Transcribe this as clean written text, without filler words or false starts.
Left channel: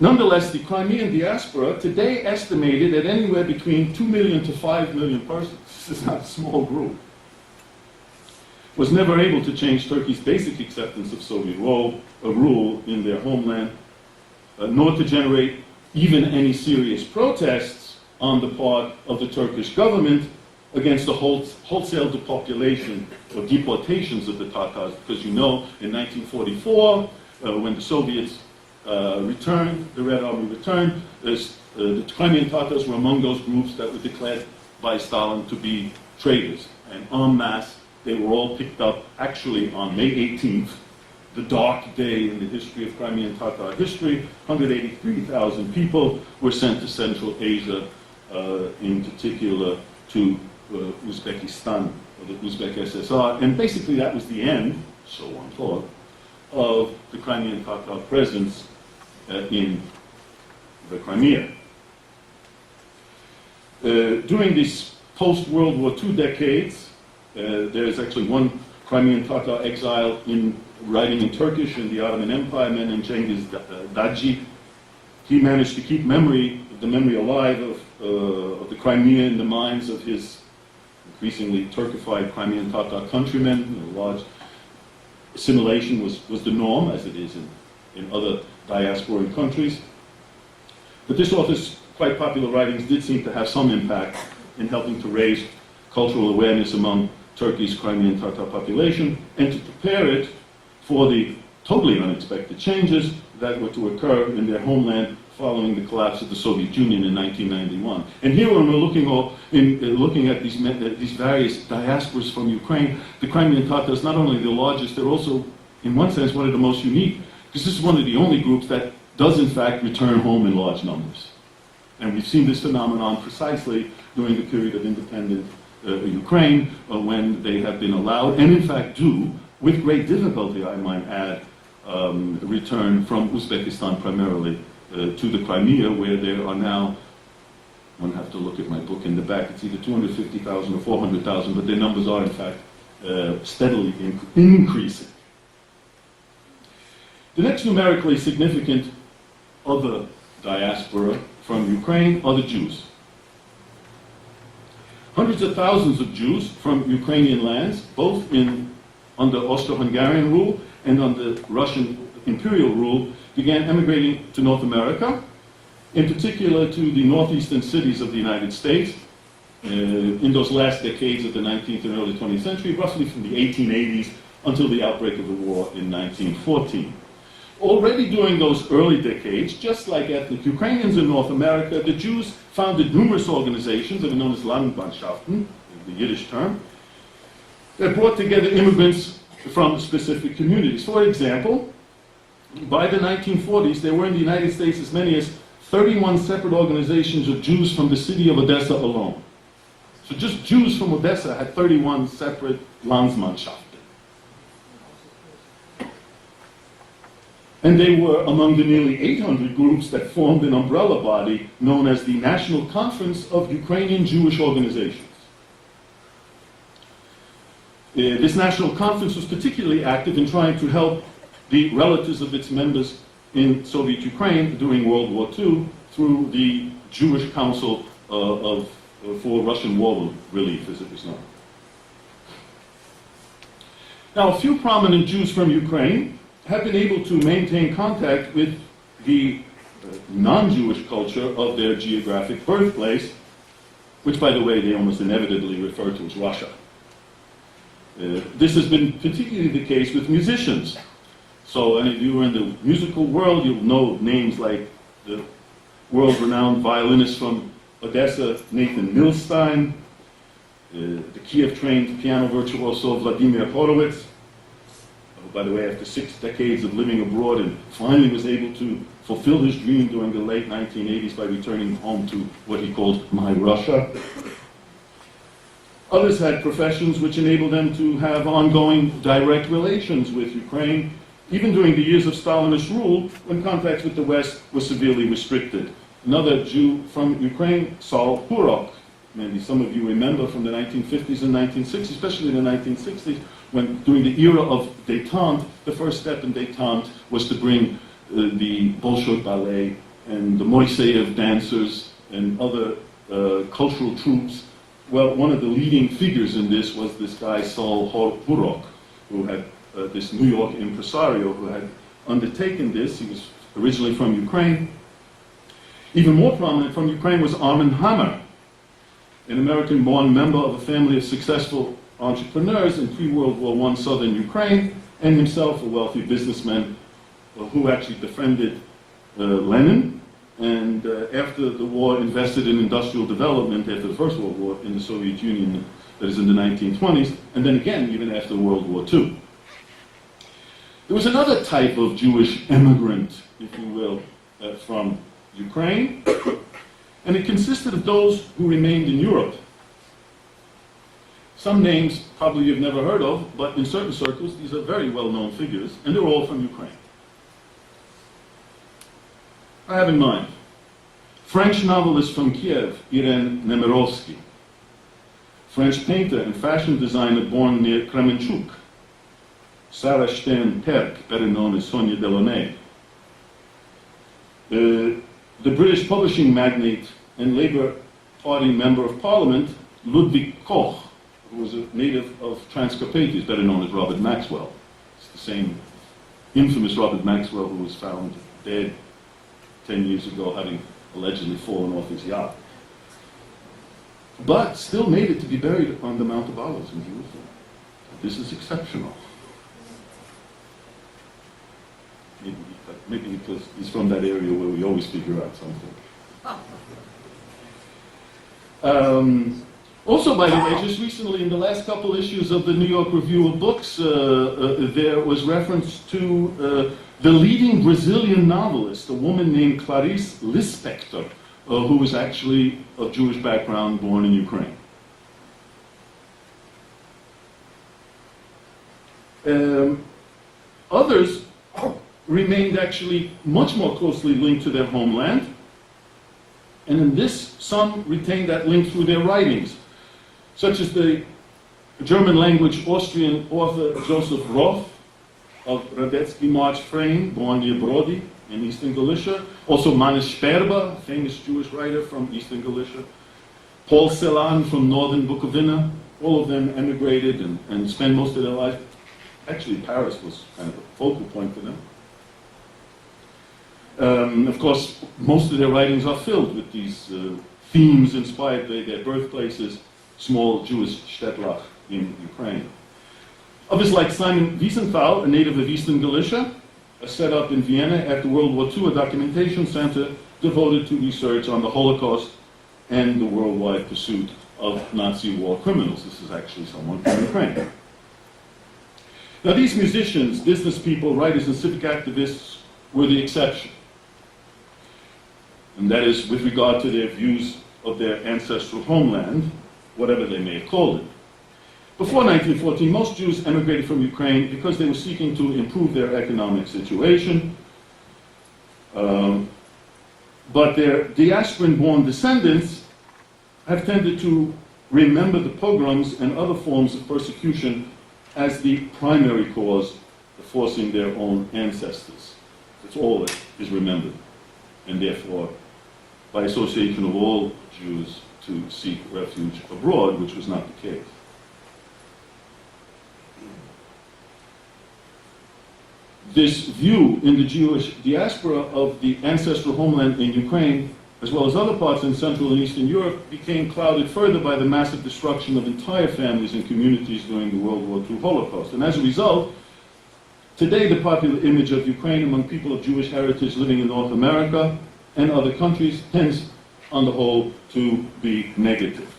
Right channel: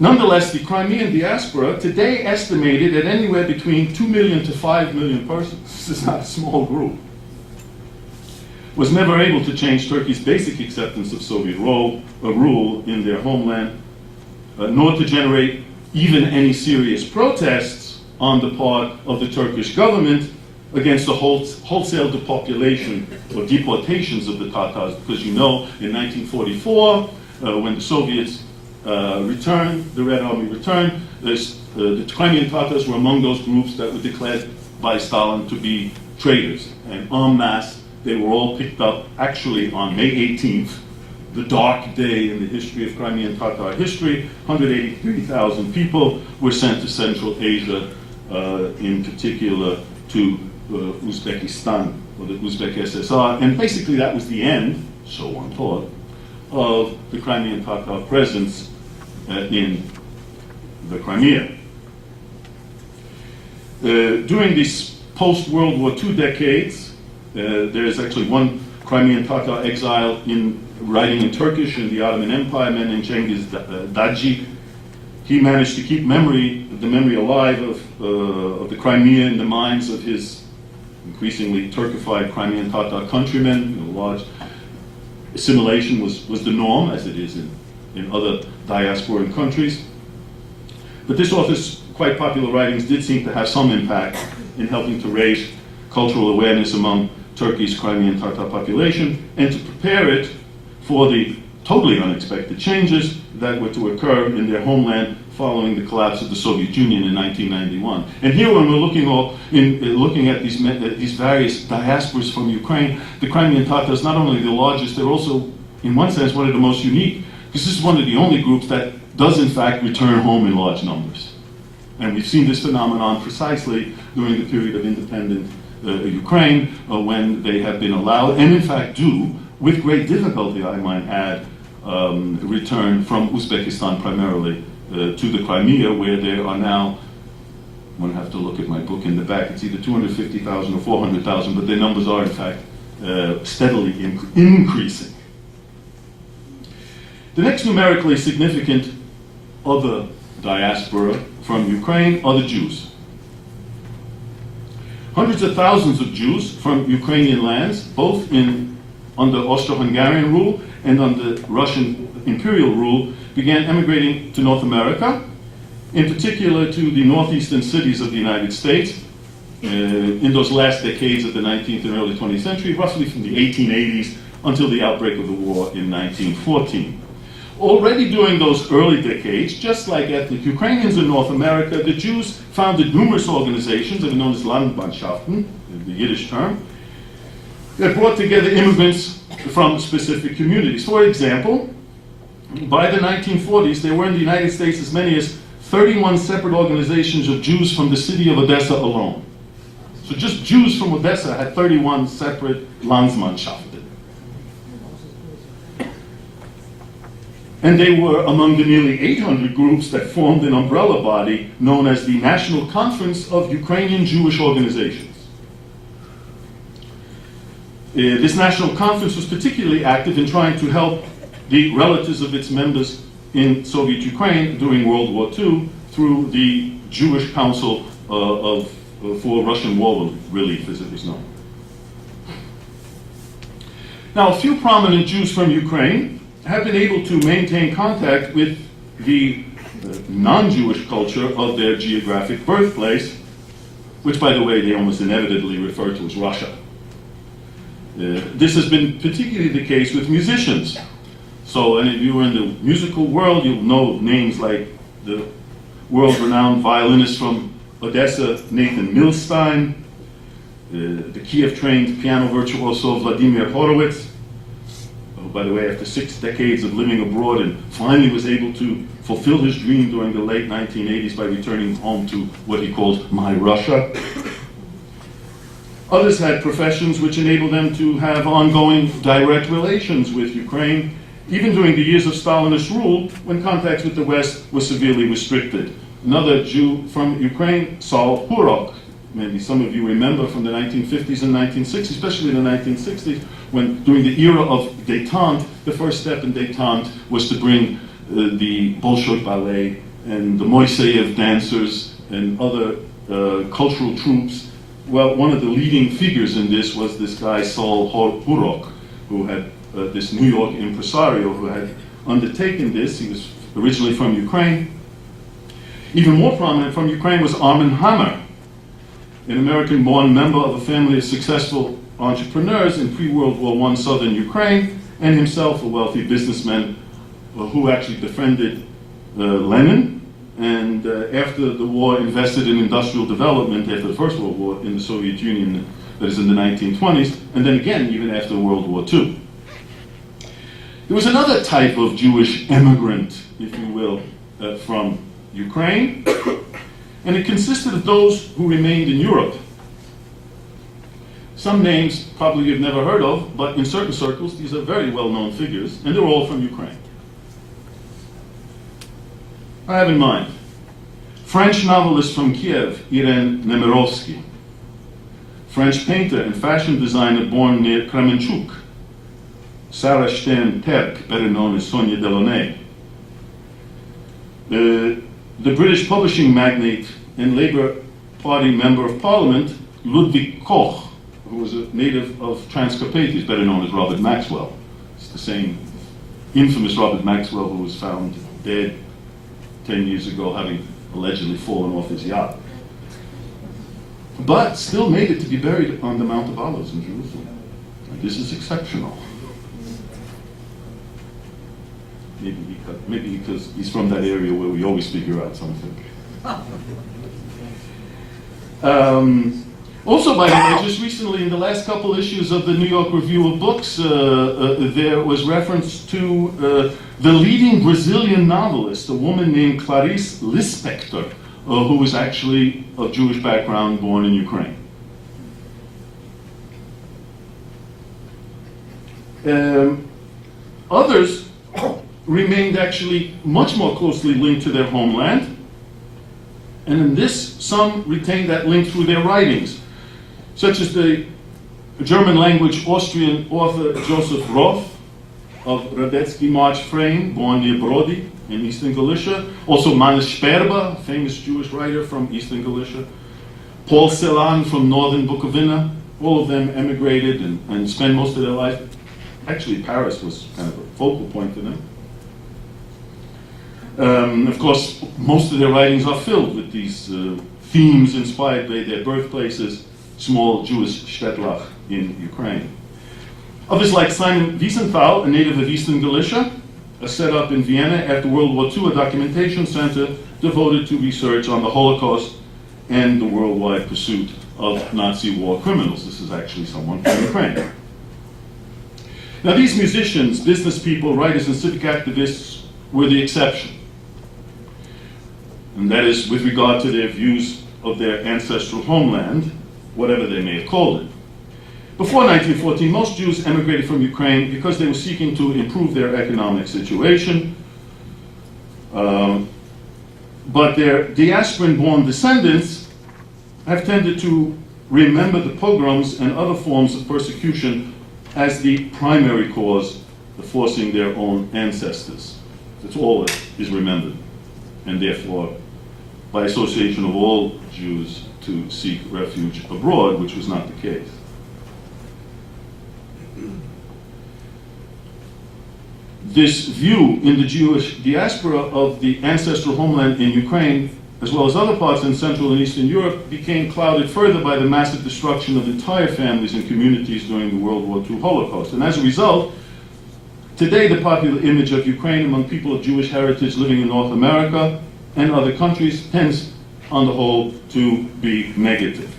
Nonetheless, the Crimean diaspora, today estimated at anywhere between 2 million to 5 million persons, this is not a small group, was never able to change Turkey's basic acceptance of Soviet rule in their homeland, nor to generate even any serious protests on the part of the Turkish government against the wholesale depopulation or deportations of the Tatars. Because you know, in 1944, when the Soviets returned, the Red Army returned, the Crimean Tatars were among those groups that were declared by Stalin to be traitors. And en masse, they were all picked up actually on May 18th, the dark day in the history of Crimean Tatar history. 183,000 people were sent to Central Asia, in particular to Uzbekistan, or the Uzbek SSR. And basically that was the end, so one thought, of the Crimean Tatar presence in the Crimea. During these post-World War II decades, there is actually one Crimean Tatar exile writing in Turkish in the Ottoman Empire, a man named Cengiz Daci. He managed to keep the memory alive of the Crimea in the minds of his increasingly Turkified Crimean Tatar countrymen. Large assimilation was the norm, as it is in other diasporan countries. But this author's quite popular writings did seem to have some impact in helping to raise cultural awareness among Turkey's Crimean Tatar population and to prepare it for the totally unexpected changes that were to occur in their homeland following the collapse of the Soviet Union in 1991. And here, when we're looking at these various diasporas from Ukraine, the Crimean Tatars, not only the largest, they're also, in one sense, one of the most unique, because this is one of the only groups that does, in fact, return home in large numbers. And we've seen this phenomenon precisely during the period of independent Ukraine, when they have been allowed, and in fact do, with great difficulty, I might add, return from Uzbekistan primarily to the Crimea, where there are now, one have to look at my book in the back, it's either 250,000 or 400,000, but their numbers are in fact steadily increasing. The next numerically significant other diaspora from Ukraine are the Jews. Hundreds of thousands of Jews from Ukrainian lands, both under Austro-Hungarian rule and under Russian imperial rule, began emigrating to North America, in particular to the northeastern cities of the United States, in those last decades of the 19th and early 20th century, roughly from the 1880s until the outbreak of the war in 1914. Already during those early decades, just like ethnic Ukrainians in North America, the Jews founded numerous organizations that are known as Landmannschaften, the Yiddish term, that brought together immigrants from specific communities. For example, by the 1940s, there were in the United States as many as 31 separate organizations of Jews from the city of Odessa alone. So just Jews from Odessa had 31 separate Landsmannschaften. And they were among the nearly 800 groups that formed an umbrella body known as the National Conference of Ukrainian Jewish Organizations. This national conference was particularly active in trying to help the relatives of its members in Soviet Ukraine during World War II through the Jewish Council for Russian War Relief, as it was known. Now, a few prominent Jews from Ukraine have been able to maintain contact with the non-Jewish culture of their geographic birthplace, which, by the way, they almost inevitably refer to as Russia. This has been particularly the case with musicians. So, and if you are in the musical world, you'll know names like the world-renowned violinist from Odessa, Nathan Milstein, the Kiev-trained piano virtuoso Vladimir Horowitz, who, by the way, after 6 decades of living abroad and finally was able to fulfill his dream during the late 1980s by returning home to what he called My Russia. Others had professions which enabled them to have ongoing direct relations with Ukraine, even during the years of Stalinist rule, when contacts with the West were severely restricted. Another Jew from Ukraine, Saul Hurok, maybe some of you remember from the 1950s and 1960s, especially in the 1960s, when during the era of détente, the first step in détente was to bring the Bolshoi ballet and the Moiseyev dancers and other cultural troupes. Well, one of the leading figures in this was this guy Saul Hurok, who had this New York impresario who had undertaken this. He was originally from Ukraine. Even more prominent from Ukraine was Armin Hammer, an American-born member of a family of successful entrepreneurs in pre-World War I southern Ukraine, and himself a wealthy businessman who actually befriended Lenin, and after the war invested in industrial development after the First World War in the Soviet Union, that is in the 1920s, and then again even after World War II. There was another type of Jewish emigrant, if you will, from Ukraine, and it consisted of those who remained in Europe. Some names probably you've never heard of, but in certain circles these are very well-known figures, and they're all from Ukraine. I have in mind French novelist from Kiev, Irene Nemirovsky, French painter and fashion designer born near Kremenchuk, Sarah Stern-Terk, better known as Sonia Delaunay, the British publishing magnate and Labour Party member of Parliament, Ludwig Koch, who was a native of Transcarpathia, better known as Robert Maxwell. It's the same infamous Robert Maxwell who was found dead 10 years ago, having allegedly fallen off his yacht. But still made it to be buried on the Mount of Olives in Jerusalem. And this is exceptional. Maybe because he's from that area where we always figure out something. Also, by the way, just recently in the last couple issues of the New York Review of Books, there was reference to the leading Brazilian novelist, a woman named Clarice Lispector, who was actually of Jewish background, born in Ukraine. Others remained actually much more closely linked to their homeland, and in this, some retained that link through their writings, such as the German-language Austrian author Joseph Roth of Radetzky March Frame, born near Brody in eastern Galicia, also Manis Sperber, famous Jewish writer from eastern Galicia, Paul Celan from northern Bukovina. All of them emigrated and spent most of their life. Actually, Paris was kind of a focal point for them. Of course, most of their writings are filled with these themes inspired by their birthplaces, small Jewish shtetl in Ukraine. Others like Simon Wiesenthal, a native of eastern Galicia, set up in Vienna after World War II a documentation center devoted to research on the Holocaust and the worldwide pursuit of Nazi war criminals. This is actually someone from Ukraine. Now, these musicians, business people, writers, and civic activists were the exception. And that is with regard to their views of their ancestral homeland, whatever they may have called it. Before 1914, most Jews emigrated from Ukraine because they were seeking to improve their economic situation. But their diasporan-born descendants have tended to remember the pogroms and other forms of persecution as the primary cause of forcing their own ancestors. That's all that is remembered, and therefore, by association of all Jews, to seek refuge abroad, which was not the case. This view in the Jewish diaspora of the ancestral homeland in Ukraine, as well as other parts in Central and Eastern Europe, became clouded further by the massive destruction of entire families and communities during the World War II Holocaust. And as a result, today the popular image of Ukraine among people of Jewish heritage living in North America and other countries tends, on the whole, to be negative.